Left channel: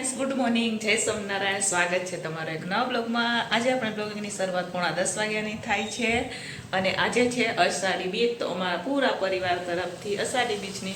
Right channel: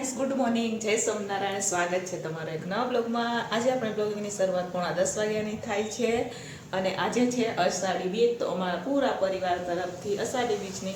Friends good morning જય સોમનારાયણ સ્વાગત છે તમારો એક નવા બ્લોગમાં. આજે આપણે બ્લોગિંગની શરૂઆત પોણા દસ વાગ્યાની થાય છે અને આજે છે અષાઢી બીજ. તો અમારા પૂરા પરિવાર તરફથી અષાઢી બીજની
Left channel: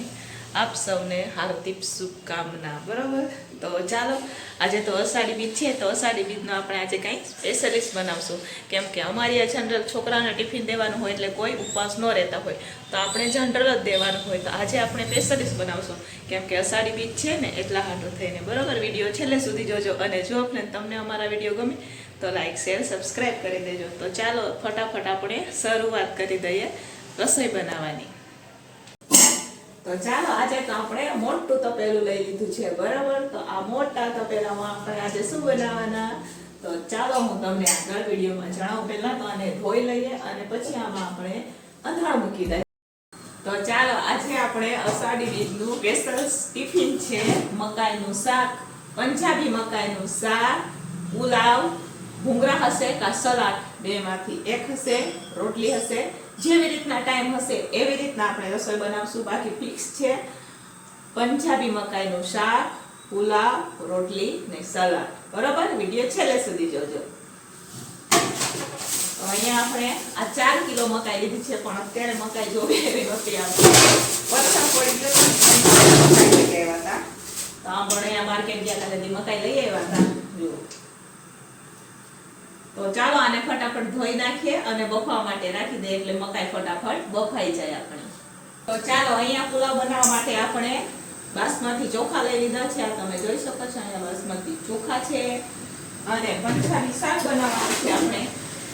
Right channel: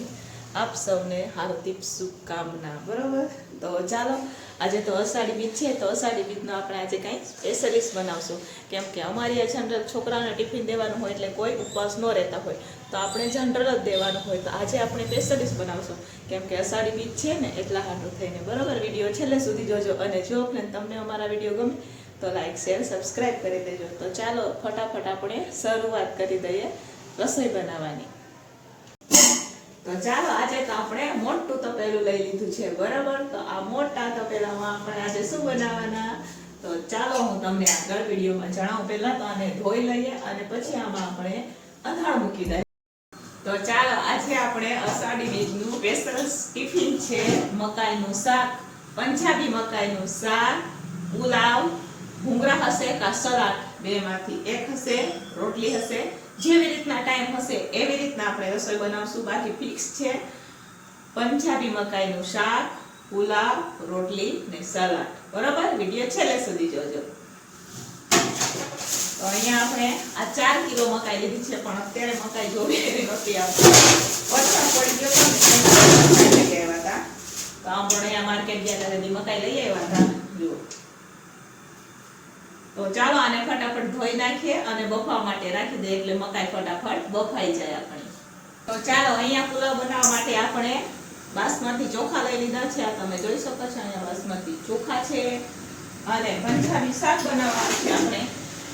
આપ સૌને હાર્દિક શુભકામના, બરાબર? તો ચાલો, આજે તો અષાઢી બીજ છે, તો અષાઢી બીજનો આપણે આજે કંઈ સ્પેશિયલિસ્ટ બનાવશું. કેમ કે અમારી આ જનરલ છોકરાને ટિફિન દેવાનું હોય એટલે કોઈ ઉપવાસ ન રહેતા હોય. તો આપણે જનરલ જ દેવાનું હોય. તો આજે આપણે સ્પેશિયલિસ્ટ બનાવશું. કેમ કે અષાઢી બીજ છે ને, એટલા હાટું થઈને, બરાબર? વીડિયો છેલ્લે સુધી જોજો અને જો આપણે તમને અમારા વીડિયો ગમે, તો લાઈક શેર સબસ્ક્રાઈબ કરી દેજો. તો ચાલો, ફટાફટ આપણે શરૂઆત કરી દઈએ રસોઈ બનાવવાની. તો ચાલો, આજે તો આપણે મોટું તપેલું લઈ લીધું છે, બરાબર? તો આ મોટા તપેલામાં આપણે આજે શું બનાવવાના? તો ચાલો, હું તમને આગળ વિડીયોમાં જણાવું. પહેલા તો આને ધોઈ લઈએ અને પછી આમાં આપણે અથાણ મૂકી દઈએ. તો ચાલો, આજે આપણે અષાઢી બીજનું સ્પેશિયલ ટિફિન છે, મકાઈનું શાક, પંજાબી મકાઈનું શાક, પુલાવ ભૂંગરા હશે કા સલાડ? બેમાંથી એક હશે, રોટલી હશે. જેવી રીતના ટાઈમ હશે, એવી રીતના આપણે રસોઈ બનાવશું. બાકી ફિક્સ છે પંજાબી મકાઈનું શાક, પુલાવ, રોટલી ને સલાડ. બરોબર? વીડિયો છેલ્લે સુધી જોજો. તો અહીંયા આપણે આ ચાર કિલો મકાઈ લીધી છે, પણ અત્યારે મકાઈ જોવી એવી નથી આવતી. વરસાદ તો આ પણ અહીંયા માર્કેટ ગયા હતા મકાઈ લઈ આવ્યા હતા. જુઓ. તો ચાલો આને ફટાફટ ધોઈ નાખીએ અને બફાવા માટે રાખી દઈએ એટલે મકાઈ ફટાફટ બફાઈ જાય આપણે. તો ચાલો અહીંયા પુલાવ બનાવવા માટે આપણે બાસમતી ચોખા લઈ લીધા છે. તમે જોઈ શકો છો અહીંયા બાસમતી ચોખા છે અને પંજાબી શાક બનાવવાનું છે આપણે.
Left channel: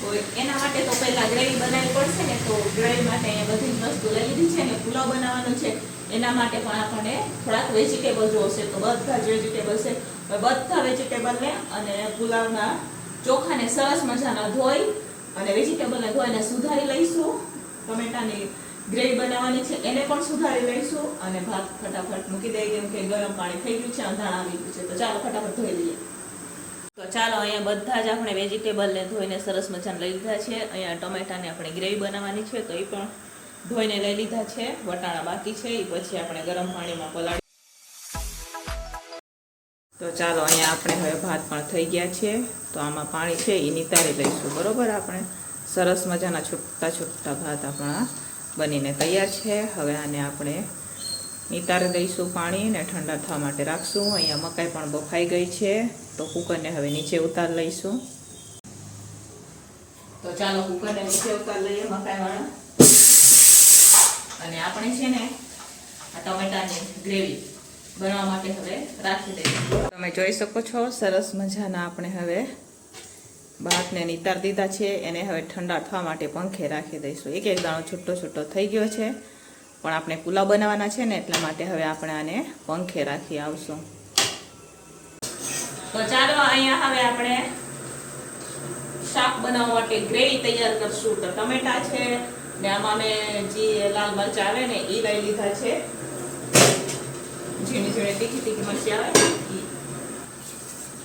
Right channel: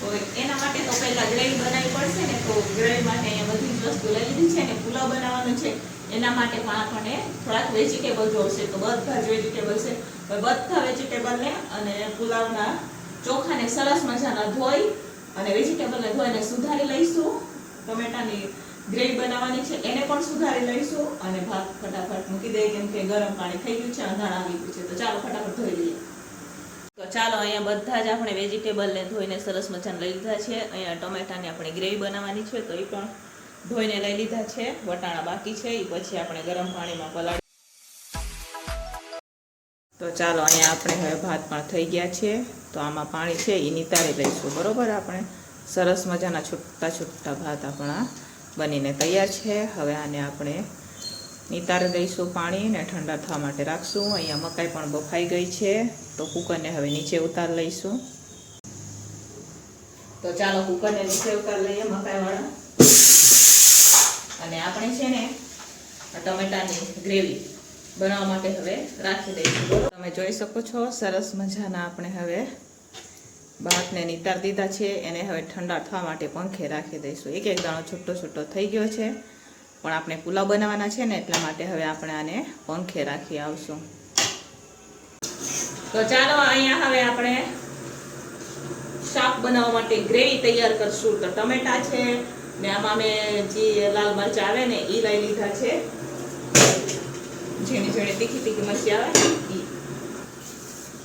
તો એના માટે તો પહેલા ગ્રેવી બનાવવી પડશે ને, તો ગ્રેવી માટે અહીંયા બધી વસ્તુ લઈ લીધી છે ને પુલાવ બનાવવાનો છે. એના માટે પણ આપણને થોડાક વેજીટેબલ જોશે. તો બધા જ વેજીટેબલ છે. બધા વેજીટેબલને અને પુલાવના ચોખાને સરસ મજાના ધોઈ અને વેજીટેબલને ધોઈને સુધારી લઈશું. ટમેટાની ગ્રેવી બનાવવાની છે, એને પણ સુધારી લઈશું અને ભાત ફટાફટ મૂકી દઈએ, કેમ કે ગરમ પાણી થઈ ગયું છે, અંધાણ આવી ગયું છે. તો ચાલો ફટાફટ ધોઈ લઈએ. તો ચાલો, અહીંયા બધા જ આપણે વેજીટેબલને ધોઈને સરસ મજાને લઈ લીધા છે. અહીંયા ટમેટાને આપણે ગ્રેવી બનાવવાની છે, તો એ પણ ધોઈને લઈ લીધા છે. વટાણા બાકી છે એ પછી આપણે ગરમ પાણીમાં પલાળી તો ચાલો અહીંયા આપણે હવે ભાત પણ થઈ ગયા છે. તો આમાં પાણી છે એ નિતારી લઈશું, બરાબર આપણે? સરસ મજાના છૂટા છૂટા ભાત આપણા બનીને તૈયાર છે. હવે આને આપણે નિતારી દઈશું પાણી ને ઠંડા થવા માટે રાખશું. અહીંયા મકાઈ પણ બફાઈ ગઈ છે. તો કુકરને હવે નીચે ઉતાર લઈશું. તો ચાલો કુકરને નીચે ઉતાર લઈએ મકાઈવાળા. અને આપણે છે ને આ ટમેટાની ગ્રેવી. બનાવવા માટે હવે રાખી દઈશું તમે જોઈ શકો છો સરસ મજાના આપણે હવે ભાતને નિતાર દીધા છે. એને હવે ઠંડા થવા માટે પંખે રાખી દઈશું. એક એક દાણો છૂટો છૂટો થઈ ગયો છે પણ આપણે પુલાવ બનાવવાના છે ને એટલા માટે હવે આપણે આને પંખે રાખી આવશું. તો ચાલો અહીંયા હવે આપણે શાક બનાવવા માટે ગ્રેવી તૈયાર કરશું. તો ટમેટા છે ને આમાં મેં જે લાલ મરચા આવે ને એ લઈ લીધા છે. ઝીણી ઝીણી તીખી તીખી મરચી આવે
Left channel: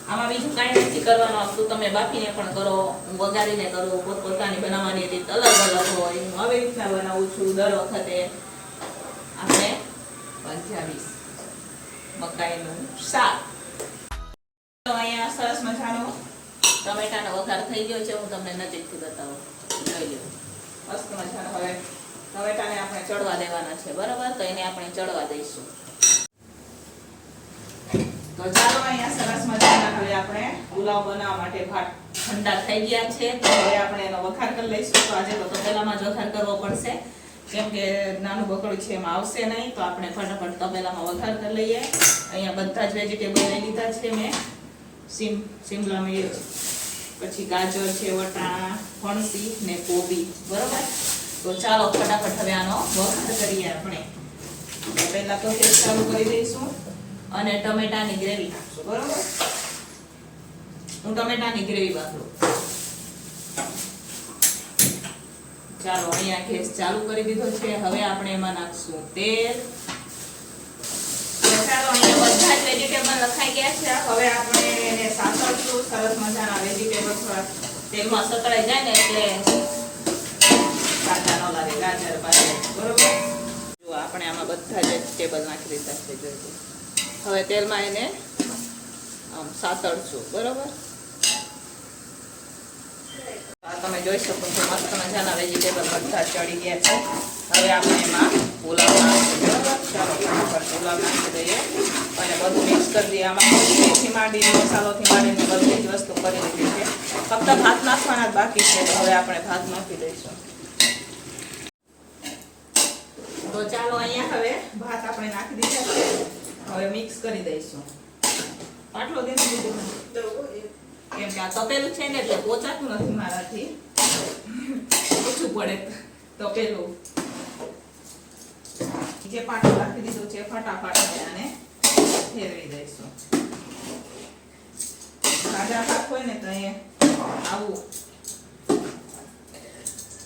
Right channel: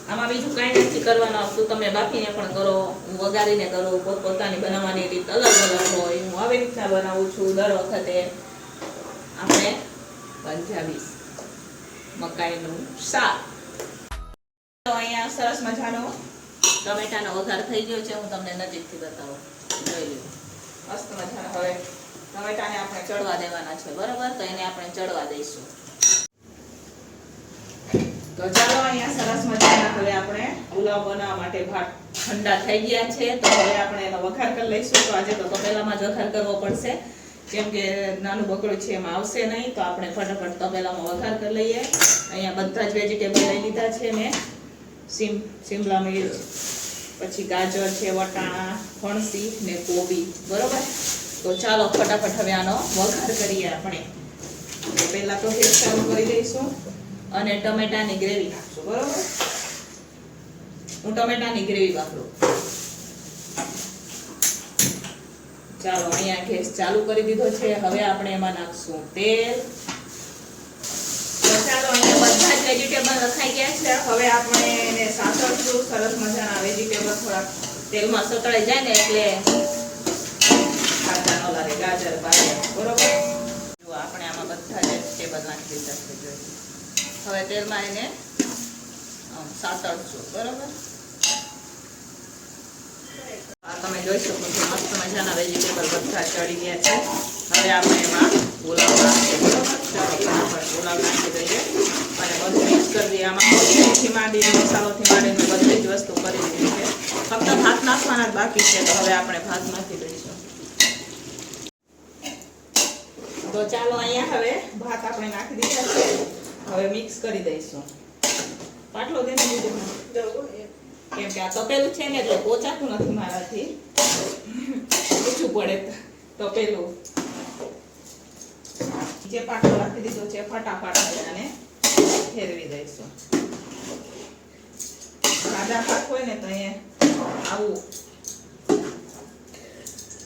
આમાં બીજું કાંઈ નથી કરવાનું આવતું તમે બાફીને પણ કરો, હું વઘારીને કરું, પોતપોતાની બનાવવાની રીત અલગ અલગ હોય. હું આવી રીતના બનાવું છું દર વખતે. આપણે પંજાબી મકાઈનું શાક. અહીંયા સરસ મજાનો ટમેટાનો વઘાર થઈ ગયો છે, હું તમને નજીકથી બતાવું. જોઈ લો મસ્ત મજાનો. હવે ટમેટાને આપણે ચડવા દેવાના છે, બરાબર? તો એને આપણે ચડવા દઈશું. તો ચાલો અહીંયા સરસ મજાના હવે આપણે પુલાવ બનાવવા માટે ભાત ઠંડા થઈ ગયા છે. તો હવે આપણે એનો વઘાર કરી લઈશું. તો આજે તો તપેલામાં જ વઘાર કરવો પડશે. કેમ કે નાનું બકડું છે એમાં આવશે નહીં. તો આપણે ફટાફટ તપેલામાં વઘાર કરી લઈએ. અહીંયા બધા જ વેજીટેબલ લઈ લીધા છે મેં. સીમ, સિમલા મિર્ચ, પછી ગાજર છે, વટાણા ફણસી ને કોબી. બરોબર? તો ચાલો ફટાફટ હવે આનો વઘાર કરીએ આપણે. પહેલાં તો તેલ ચાલુ કરી દઈશું. અને ટમેટાની ગ્રેવી બરોબર? હું ટમેટાની ગ્રેવી વાપરું ચાલો, અહીંયા ગેસ ચાલુ કરી દીધો છે. હવે આપણે એમાં નાખશું તેલ. ચાલો, અહીંયા બધા જ વેજીટેબલ રખાઈ ગયા છે. હવે આપણે એને સાતળશું. સરસ મજાના વેજીટેબલ થોડાક તેલમાં સતળાઈ જાય ને એટલે કાચા ન લાગે, ગાજર ગાજર બરોબર? જો, આપણે આમાં બધા જ વેજીટેબલ નાખી દીધા છે, જોઈ લો. હવે તેલમાં એને સાતડશું બરોબર? આ તમે જોઈ શકો છો, મસ્ત મજાના વેજીટેબલ બધા ચડી ગયા છે. હવે આપણે એમાં બરોબર? ચાલો અને બધું મિક્સ કરી દઈએ. આમાં મસાલોથી માંડીને બધી જ વસ્તુ કરી દીધી છે. ફક્ત ભાત નાખવાના બાકી છે, તો હવે આપણે ભાત નાખી દઈશું. તો ચાલો અહીંયા હવે ભાત આપણે નાખી દીધા હવે મિક્સ કરી દઈશું. પાટલો દેને કેમ કે આ તપેલું છે ને એટલે પોચાતું નથી મારાથી. ઓછું પડે તપેલું. જે પાટલો રાખી દીધો છે ફટાફટ હવે આને ફેરવી દઈશું. સાદા પાક હોય ને તો અહીંયા આવું.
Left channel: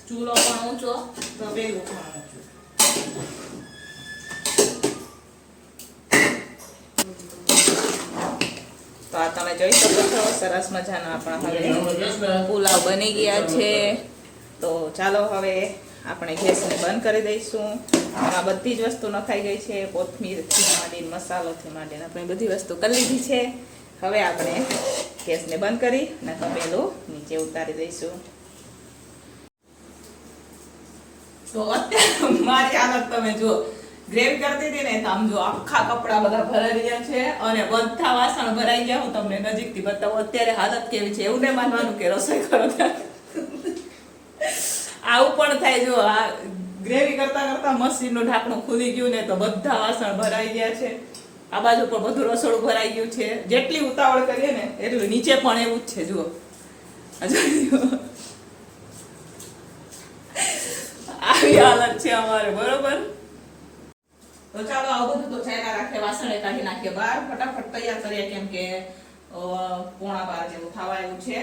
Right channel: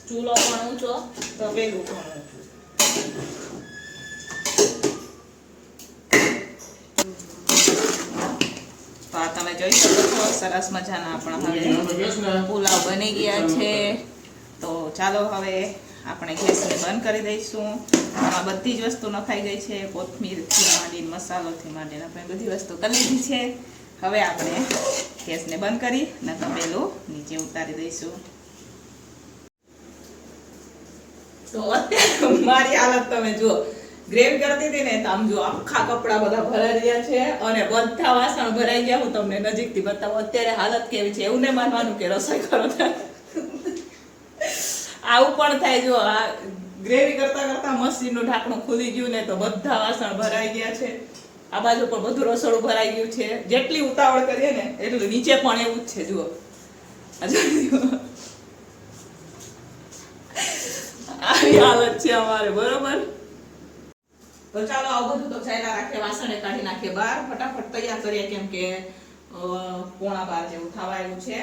ચૂલો પણ ઊંચો, તપેલું પણ ઊંચું. આ તમે જોઈ શકો છો, સરસ મજાના આપણા હવે પુલાવ બની ગયા છે. તો ચાલો હવે આપણે ગેસને બંધ કરી દઈશું. આમાં બધી જ વસ્તુ નખાઈ ગઈ છે, કોથમીરથી માંડીને મસાલોથી માંડીને આપણે બધી વસ્તુ કરી લીધી છે. હવે આપણે ગેસને બંધ કરી ને તપેલું નીચે ઉતારી દઈશું. તો અત્યારે મારી હાલત તમે જુઓ. ગ્રેવી કરતી હતી ને, તો આમ જો આખા કપડા બધા ભરાઈ ગયા છે અને બધા વાસણ ભરાઈ ગયા. હું તમને નજીકથી બતાવું, અત્યારે હાલત કેવી છે, એવું ને માનવાનું કે રસોઈ કરો આવું પણ થાય જો, આ ગ્રેવી કરતા કરતા મશીનનું ઢાંકણું ખુલી ગયું ને, તો બધા વાસણ ભરાઈ ગયા છે. આ બાજુ પણ બધું રસોડું ભરાઈ ગયું છે. જેટલી ઉતાવળ કરીએ ને, એટલું નીચે પણ એવું જ છે, જુઓ. આવી હાલત છે અમારે, બરોબર? તો ચાલો આવું બધું ચાલ્યા રાખીએ વાસણે કાઢી નાખીએ. બહાર ફટાફટ તૈયાર કરીએ, કેમ કે પોણા બાર જેવું થવા એવું છે.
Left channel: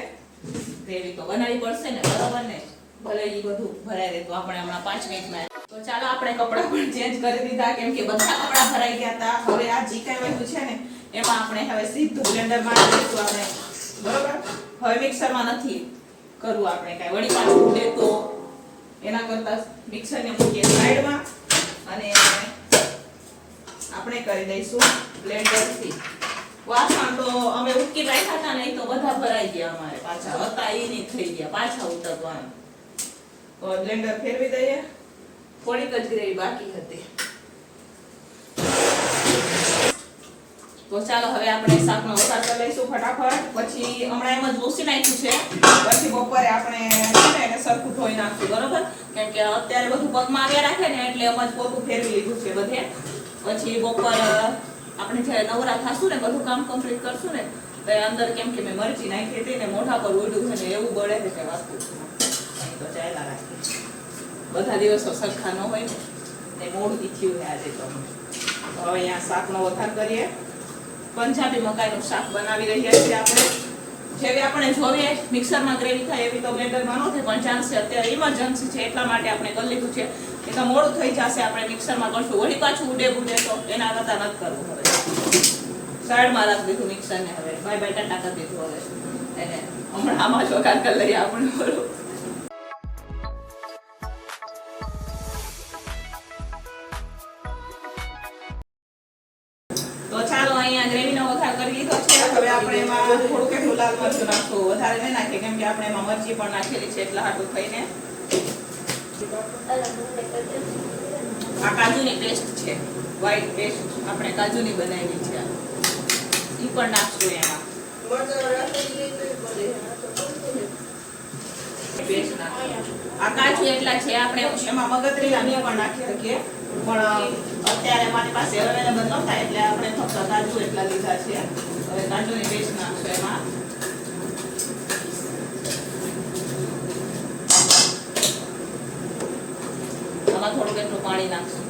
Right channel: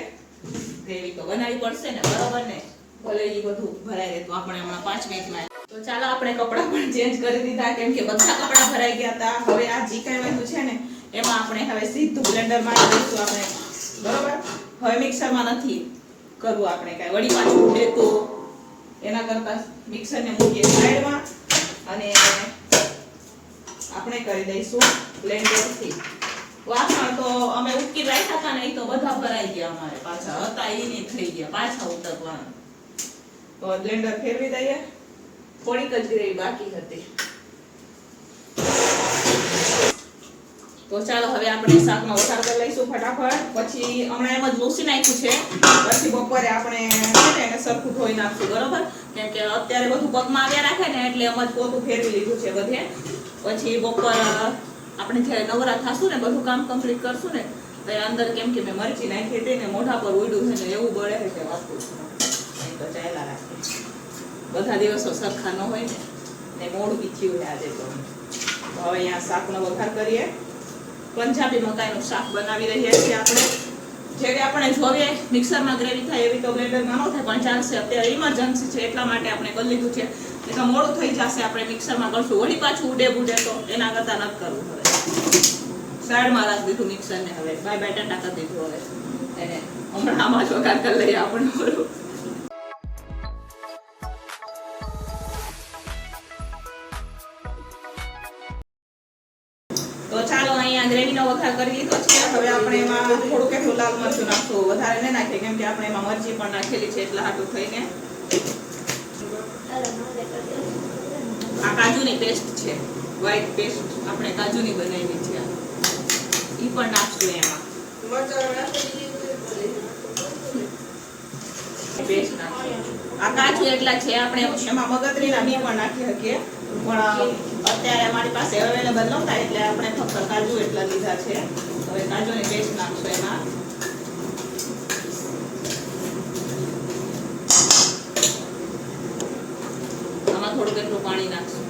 ગ્રેવી તો બનાવી પડશે ને, બરાબર ને? ભલે એ બધું ભરાઈ રહે તો આપણે હમણાં પાંચ મિનિટમાં તો ચાલો આપણે કપડાં પણ ચેન્જ કરી દીધા, કેમ કે બધા કપડાં ભરાઈ ગયા હતા. હવે આ જી કાંઈ વધ્યું છે ને, એમાં આપણે હવે સીધું બ્લેન્ડરમાં નાખીશું આપણે. બરોબર? હવે મિક્સરમાં નથી કરવું આપણે કાંઈ. વળી પાછું ઉડે તો એના કરતા મિક્સરને મૂકીએ સાઈડમાં અને આપણે કરી દઈશું બ્લેન્ડરથી. વાસણ તો અમે ઉટકી રાખ્યા હતા ને એ તો બધા ભરાઈ ગયા અમારે પાછા. હતા એ નહીં થઈ ગયા. પાછા ઉતરવાના. તો બ્લેન્ડર ફેરવી દઈએ. થોડીક જ ગ્રેવી બાકી હતી. તો ચાલો હવે આપણે શાકનો વઘાર કરી લઈશું ફટાફટ. પછી હમણાં એમ જ લૂસી નાખ્યું છે. પછી બપોરે આપણે છે ને એને સરખું ધોઈ નાખશું બરોબર? કેમ કે અત્યારે બધું પગમાં આવ્યા રાખે ને એટલે એમ જ પોતું ફેરવી લીધું છે બધે. પછી બપોર આપણે જ્યારે નવરા થાશું ને, બધું કામ કમ્પ્લીટ કરશું ને, તો અંદર કેમ કે મેં મરચી નાખી હતી ને, મોઢા પર ઉડ્યું છે ને, એવું બળે છે તે ચાલ્યા રાખી. બધા દિવસો સરખા ન હોય ને ને મોડું થયું છે આજે તો. હવે અહીંયા શાકનો વઘાર કરીએ. પંજાબી મકાઈનું શાક બનાવી રહ્યા છીએ આપણે. જેવી આપણે જોઈએ મિક્સરમાં ગ્રેવી થાય એવી તો બ્લેન્ડરમાં ન થાય, પણ ચાલશે અત્યારે ઇમરજન્સી છે, એટલા માટે આપણે કરી લીધું છે. એ તો મોડું થઈ જશે. આપણે મિક્સરમાં કરશું. વળી પાછું ઉડે બુડે તો એના કરતાં નથી કરવું હવે. સાઈડમાં રાખી દીધું મિક્સરને હવે. બાય બાય કરી દીધું હવે. એને હમણાં આમાં જ વઘાર કરી લઈએ આપણે એમાં વધારે નહીં નાખીએ, કેમ કે આપણે એમાં મરચી પણ નાખેલી છે એટલા હાટું થઈને. આ કાજુની પેસ્ટ છે. વ્હાઈટ પેસ્ટ આપણે કાજુની બનાવેલી છે ઈ પણ નાખશું એમાં. પેસ્ટ નાખશું. આ કાજુ એટલા છે, આપણે એમાં મગજરીના બી પણ નાખી શકીએ. પણ અત્યારે અમારી પાસે અવેલેબલ નહોતા, એટલે આપણે ફક્ત કાજુ એટલા લીધા છે. હવે કાજુની પેસ્ટ નાખશું એમાં આમાં થોડુંક એટલું પાણી નાખશું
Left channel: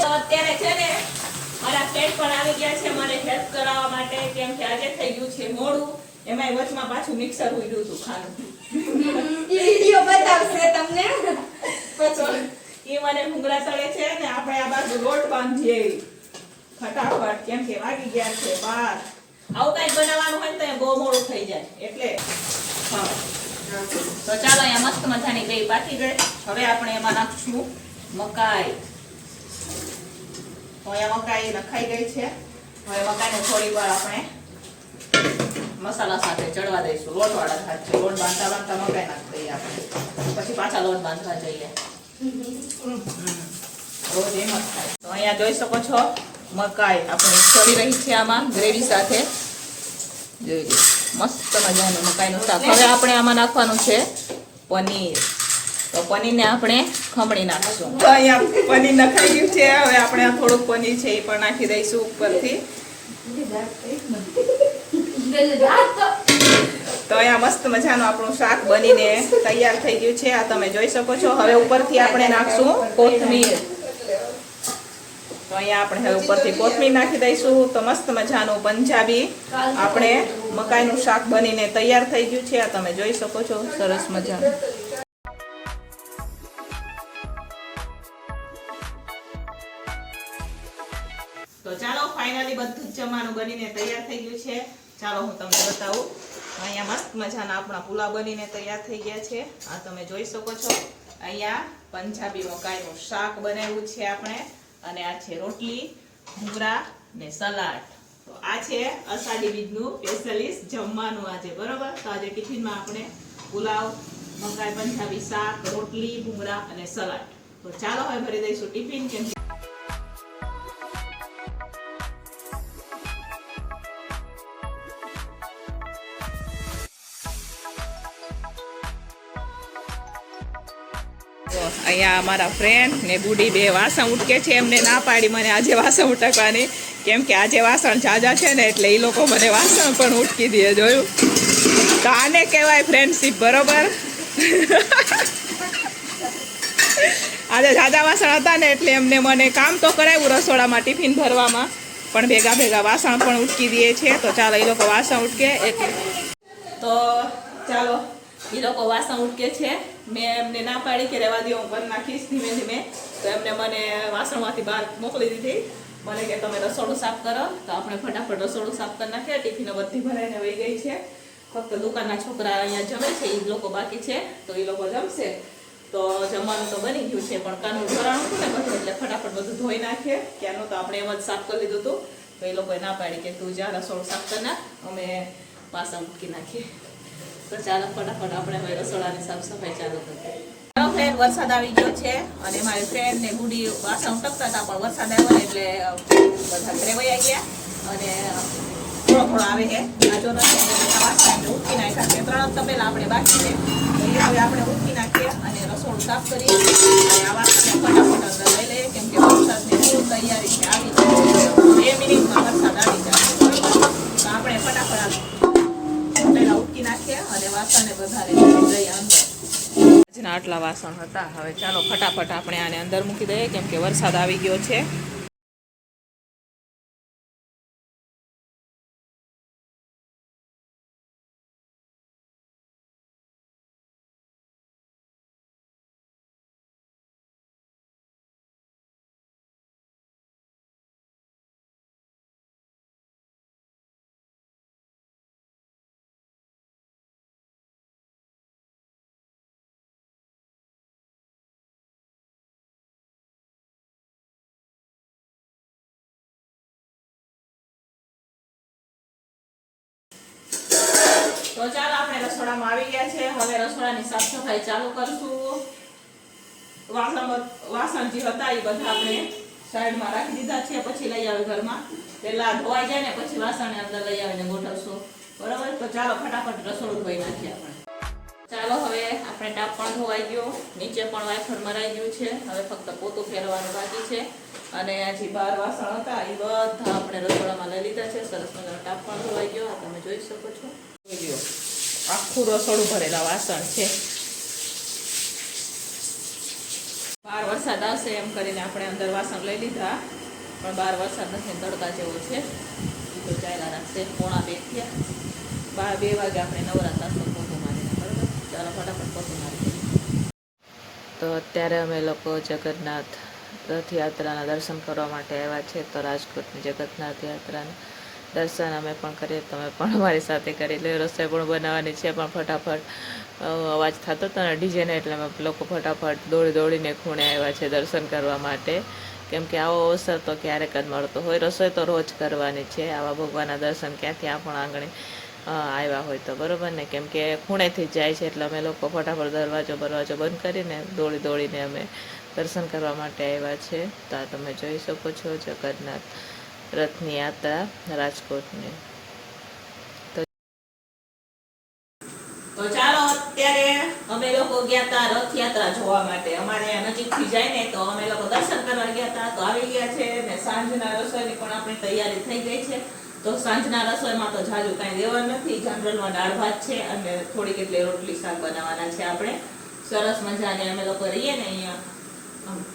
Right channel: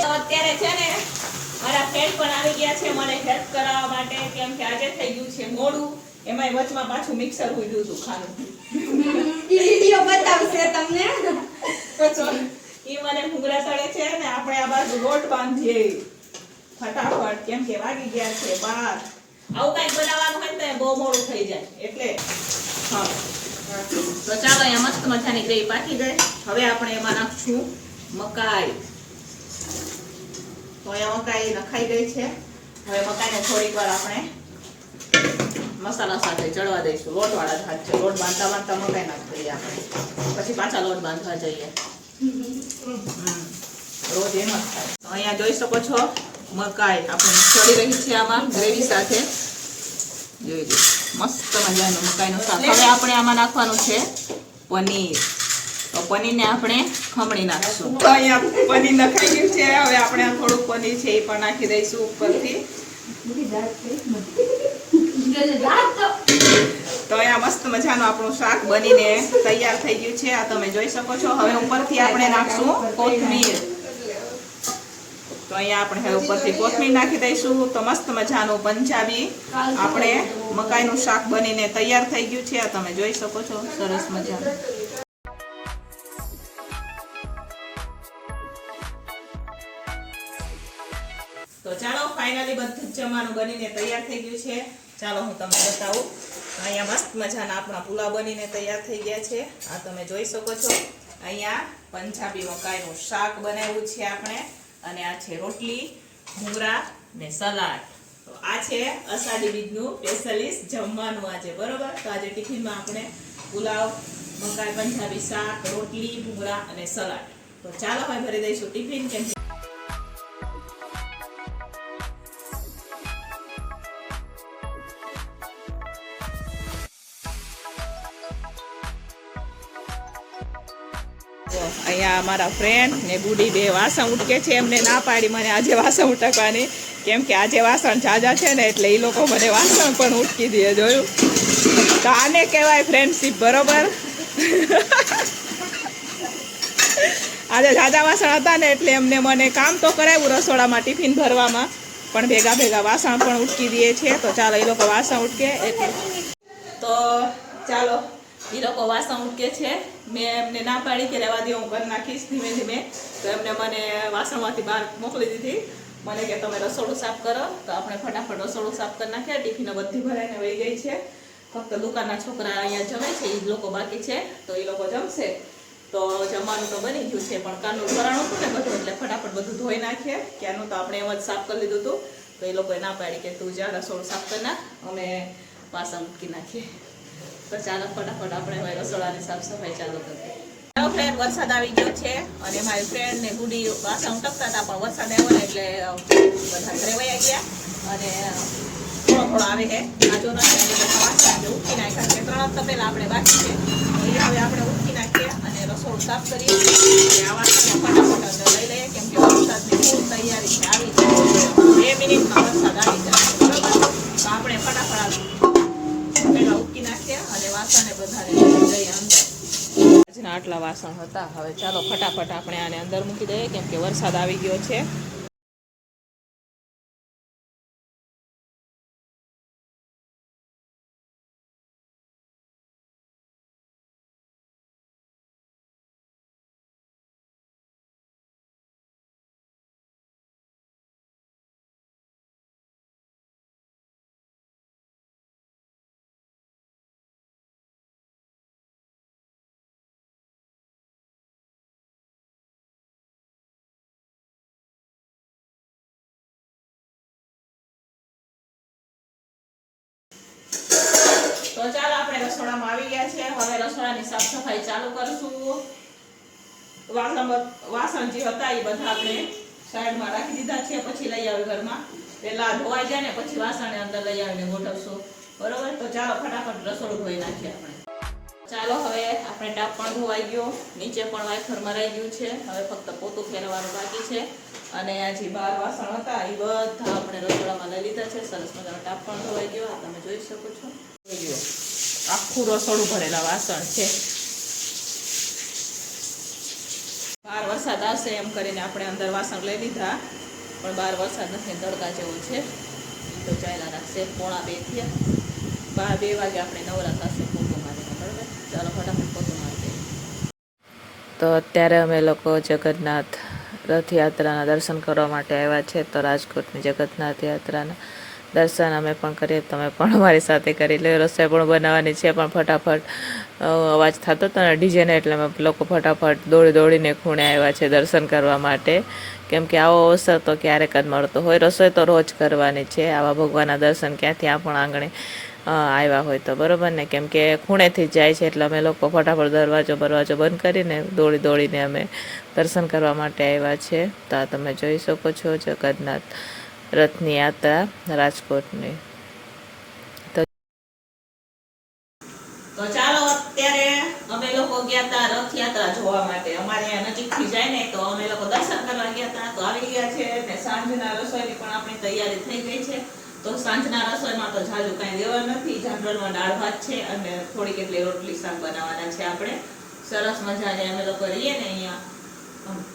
તો અત્યારે છે ને મારા ફ્રેન્ડ પણ આવી ગયા છે મને હેલ્પ કરાવવા માટે કેમ કે આજે થઈ ગયું છે મોડું એમાંય પાછું મિક્સર ઉડ્યું હતું ખાનું ઈ વિડિયો બતાવશે તમને. એ મને ભૂંગળા તળે છે ને આપણે આ બાજુ રોટ બાંધીએ. ફટાફટ કેમ કે વાગી ગયા છે બાર. આવું કઈ બનાવવાનું હોય તો બહુ મોડું થઈ જાય. એટલે હા. તો ચાલો અહીંયા મસ્ત મજાની ગ્રેવી પાકી ગઈ. હવે આપણે એમાં નાખશું મકાઈ. તો અહીંયા મકાઈ નખાઈ ગઈ છે. હવે મકાઈને થોડીક વાર આપણે મસાલા સાથે ચડવા દઈશું. લોટવાળા હાથ છે. લોટ બાંધતા બાંધતા મકાઈ નાખી દઈએ આપણે. પછી પાછા લોટ બાંધવા જઈએ. રોજ એમ જ થાય. તો અહીંયા જોઈ શકો છો મકાઈ. આપણે છોડી રહી છે આમાં ગ્રેવી સાથે. જોઈ લો. મસ્ત મજાનું મકાઈનું શાક. હવે આપણે આમાં નાખવાનું છે પનીર. તો પનીરને આપણે ખમણી નાખીશું. તો અહીંયા પનીર નખાઈ ગયું છે. હવે આપણે થોડુંક પનીર છે એ પણ નાખી દઈશું ઉપરથી. તો અહીંયા મસ્ત મજાનું આપણું શાક બનીને તૈયાર થઈ ગયું છે. આ તમે જોઈ શકો છો. હવે ઉપરથી આપણે નાખશું કોથમીર. તો અહીંયા આપણે હવે ઉપરથી કોથમીર નાખી દઈશું. તો મસ્ત મજાનું પંજાબી આપણે મકાઈનું શાક બનીને તૈયાર થઈ ગયું છે. આ તમે જોઈ શકો છો. સરસ મજાનું. તો ચાલો ફાઇનલી બધું જ જમવાનું બનીને તૈયાર થઈ ગયું છે. ચાલો હું તમને બતાવું. અહીંયા મસ્ત મજાના આપણા પુલાવ બનીને તૈયાર થઈ ગયા છે. આ તમે જોઈ શકો છો. અહીંયા પંજાબી મકાઈનું શાક બનાવ્યું છે આપણે. અને આ છે રોટલી ભૂંગરા ને સલાડ. તો આ છે અષાઢી બીજનું સ્પેશિયલિસ્ટ જમવાનું આજે, બરોબર? તો આજે ટિફિનમાં આપણે પુલાવ, મકાઈ, પંજાબી શાક, રોટલી ભૂંગળા અને સલાડ. તો ચાલો હવે ભરી દઈશું ટિફિન. કેમ અહીંયા અમારા ફ્રેન્ડ ને બુડી બે વાસણ ઉટકે છે, એમને ના પાડી મને આજે વાસણ ઉટકવાની. કેમ કે આજે વાસણ જાજા છે ને, એટલે એ લોકો મને વાસણ પણ ઉટકી દે, જોયું? તો આને કહેવાય ફ્રેન્ડશીપ બરોબર? આજે જાજા વાસણ હતા ને, એટલે એમને મને કામ તો કરાવ્યું રસોડામાં, ટિફિન ભરવામાં, પણ ભેગા ભેગા વાસણ પણ ઉટકી દે છે. તો ચાલો એ લોકો વાસણ ઉટકે, એટલે તો ચાલો. એ લોકો વાસણ ઉટકે છે. મેં એમને ના પાડી કે રહેવા દે, હું કરી નાખીશ ધીમે ધીમે. તો એમને મને વાસણમાંથી બહાર મોકલી દીધી. મને કે તમે રસોડું સાફ કરો. તો આપણે ફટાફટ રસોડું સાફ કરી નાખ્યા. ટિફિનો બધી ભરાઈને વહી ગઈ છે. ફક્ત દુકાનના છોકરા અહીંયા જમે છે એ લોકો બાકી છે. તો એ લોકો જમશે. તો જમવાનું તો બની ગયું છે, પણ કાનું ભરાણું હતું ને બધું, એટલે ફટાફટ બધું ધોઈ નાખીએ ક્યાંનું તો આપણે એમ જ સાફ કરી લીધું હતું. તો એ લોકોએ ના પાડી કે તું જા, રસોડું સાફ કરી નાખ. અમે વાસણ મૂકી નાખીએ. તો ચાલો ફટાફટ આપણે હવે રસોડાની સાફ સફાઈ ચાલુ કરીએ. ફ્રેન્ડ વરસાદ આવી ગયો છે અને મારી ફ્રેન્ડ ને ગુડી વાસણ ઉટકતા હતા, પણ વરસાદ આવ્યો ને એટલે બધા ઘરે વયા ગયા અને થોડો થોડો આવે છે આજો નથી વાસણ આપણે નાખ્યા છે. ત્રણ હપ્તા પહેલા આપણે બાકી છે. એ હવે આપણે ઉઠી નાખીએ અને રસોડું સાફ કરીએ. આ વાસણને ફટાફટ આટલા વાસણ હતા. હવે ચાલો ફટાફટ આપણે આને અંદર મૂકી દઈએ, કેમ કે વરસાદ આવી ગયો છે. તો ચાલો આપણે રસોડામાં આવી ગયા છે. હવે રસોડાની સાફ સફાઈ ચાલુ કરશું. વાસણ વાસણ જે હતા એ બધા આપણે સાઈડમાં રાખી દીધા છે. પછી લઈ આવે ઘરમાં. પહેલા ધોવાઈ જાય ને પછી વાસણને અંદર લઈ આવીને ગોઠવશું. બરોબર? તો ચાલો ફટાફટ રસોડું ધોઈ નાખીએ આપણે. ચાલો હવે આપણે ટાપ પણ ધોવાઈ ગયો. નીચે પણ વાઇફર મરાઈ ગયું છે. હવે ફક્ત પોતું ફેરવવાનું બાકી છે. અને આ જે બાર વાસણ હતા એ બધા આપણે રસોડામાં લઈ લીધા છે. સરસ મજાનો ટાપ પણ ધોવાઈ ગયો. આ તમે જોઈ શકો છો. આખું રસોડું ભરેલા વાસણ છે. બાર વરસાદ આવશે એમ કરીને આપણે અંદર વાસણ લઈ લીધા. પણ બાર વરસાદ નથી, તડકા જેવો છે. તો ચાલ્યા રાખશે. પોણા બે થયા. બાર બે વાગે આપણે નવરા થશું પોતું મારીને બરાબર ચાલો ફટાફટ પોતું મારી દઈએ. તો અત્યારે અમે લોકો જગન્નાથ રથયાત્રાના દર્શન કરવા માટે આવ્યા છે. તો રાજકોટની જગન્નાથ યાત્રાના દર્શન અમે પણ કરીએ, તમે પણ અમારી સાથે કરી લે રસોઈ પણ બનાવવાની છે, પણ ફટાફટ અવાજ થતો હતો ને ડીજેને એટલે અમે લોકો ફટાફટ દોડી દોડીને ખૂણે આવ્યા છે દર્શન કરવા માટે. કેમ કે આવો અવસર તો ક્યારેક જ મળતો હોય. રસોઈ તો રોજ કરવાની છે, આવા ભગવાનના દર્શન ક્યાં ત્યાં પણ આંગણે આવ્યા હોય તો, બરાબર ને? કેમ કે ખૂણેથી જાય છે એટલે અમે લોકો ફટાફટ દરવાજો બરવાજો બંધ કરીને દોડી દોડીને અમે દર્શન કરવા માટે આવ્યા છે. તો આ તમે જોઈ શકો છો, જગન્નાથ રથની યાત્રા રાજકોટની તો ચાલો, અત્યારે અમે લોકો ગયા હતા રથયાત્રા જોવા માટે. અમારે નજીકથી જાય ને, તો અમે લોકો દર્શન કરવા ગયા હતા તો આવી ગયા છે ને, સાંજના રસોઈની પણ આપણી તૈયારી થઈ ગઈ છે. તો સાંજના રસોઈમાં તો જાજુ કાંઈ દેવાનું નથી. જનરલમાં દાળ ભાત છે અને થોડીક એટલે રોટલી, શાક બનાવવાના છે આપણે. સરસ મજાને અમે લોકો રહીએ ને અહીંયા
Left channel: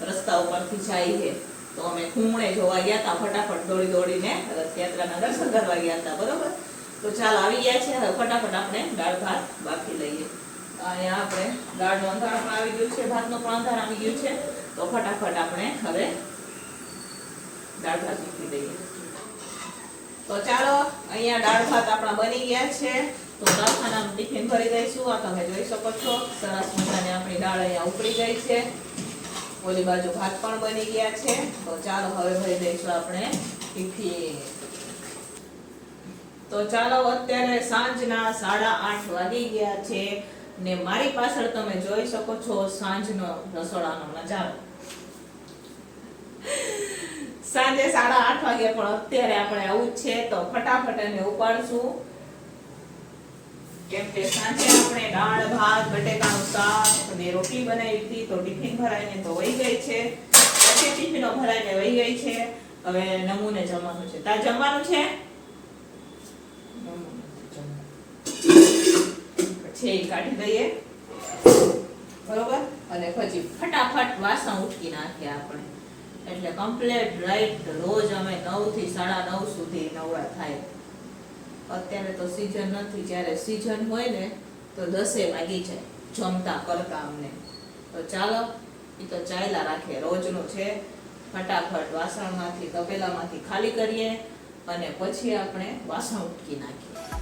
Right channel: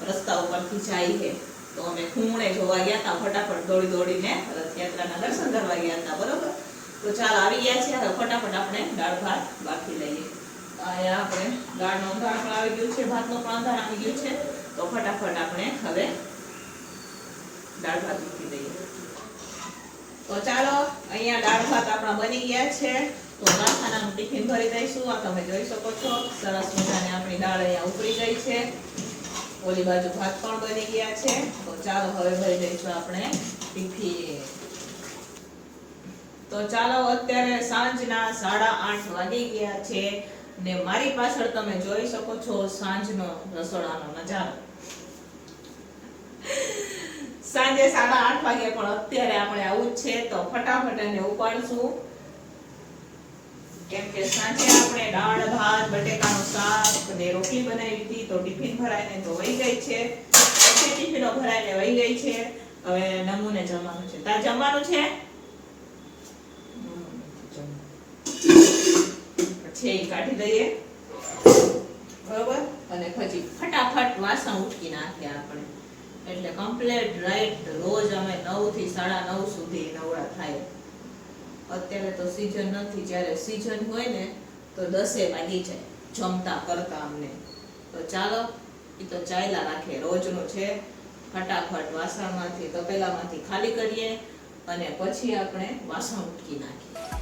રસ્તા ઉપરથી જઈએ. તો અમે ખૂણે જોવા ગયા હતા ફટાફટ દોડી દોડીને રથયાત્રાના દર્શન કરવા ગયા હતા બરોબર? તો ચાલ આવી ગયા છે ફટાફટ આપણે દાળ ભાત બાકી લઈએ. આપણે દાળનો અંધાર પણ આવી ગયું છે, ભાતનો પણ અંધાર આવી ગયું છે, તો ફટાફટ આપણે હવે દાળ ભાત મૂકી દઈએ તો ચાલો, અહીંયા દાળ ભાત આપણા બની ગયા છે. તો દાળખાનાનું ટિફિન ભરી દઈશું, આ તમે જોઈ શકો છો. સરસ મજાની આપણી દાળ અહીંયા ઉતરી ગઈ છે. ઓલી બાજુ ભાત પણ બની ગયા છે. તો ચાલો હવે ભરી દઈશું આપણે તો ચાલો અત્યારે સાંજના સાડા આઠ વાગી ગયા છે ને મારી પાછળ તમે જોઈ શકો છો સાંજનો રસોડાનો નજારો. સાંજે સાડા આઠ વાગે પણ અત્યારે આપણે આવું જ છે. તો ફટાફટ એને ઉપાડશું. કેમ કે સાંજે આપણે દાળ, ભાત, બટેકાનું શાક ને રોટલી બનાવી હતી તો ટિફિન ભરાઈને તો વહી ગઈ છે. પછી ટિફિનો ભરાઈને વહી ગઈ છે. હવે નમૂને જમવાનું છે. તાર જમવાનું છે? એ કાઢી દઈએ. બરોબર? અને પછી ફટાફટ વાસણ ઉટકી નાખીએ આપણે. એટલે કમ્પ્લીટ રાઈટ રોજ અમે નવથી સાડા નવ સુધી નવરા થાય. અત્યારે તો સિઝન નથી. જ્યારે સિઝન હોય ને, તો દસે વાગી જાય જમતા કરતા અમને તો ચાલો એ તો ચાલ્યા રાખીએ રોજનું છે. ફટાફટ વાસણમાંથી, તપેલામાંથી ખાલી કરીએ અને પછી આપણે વાસણ ઉટકી નાખીએ.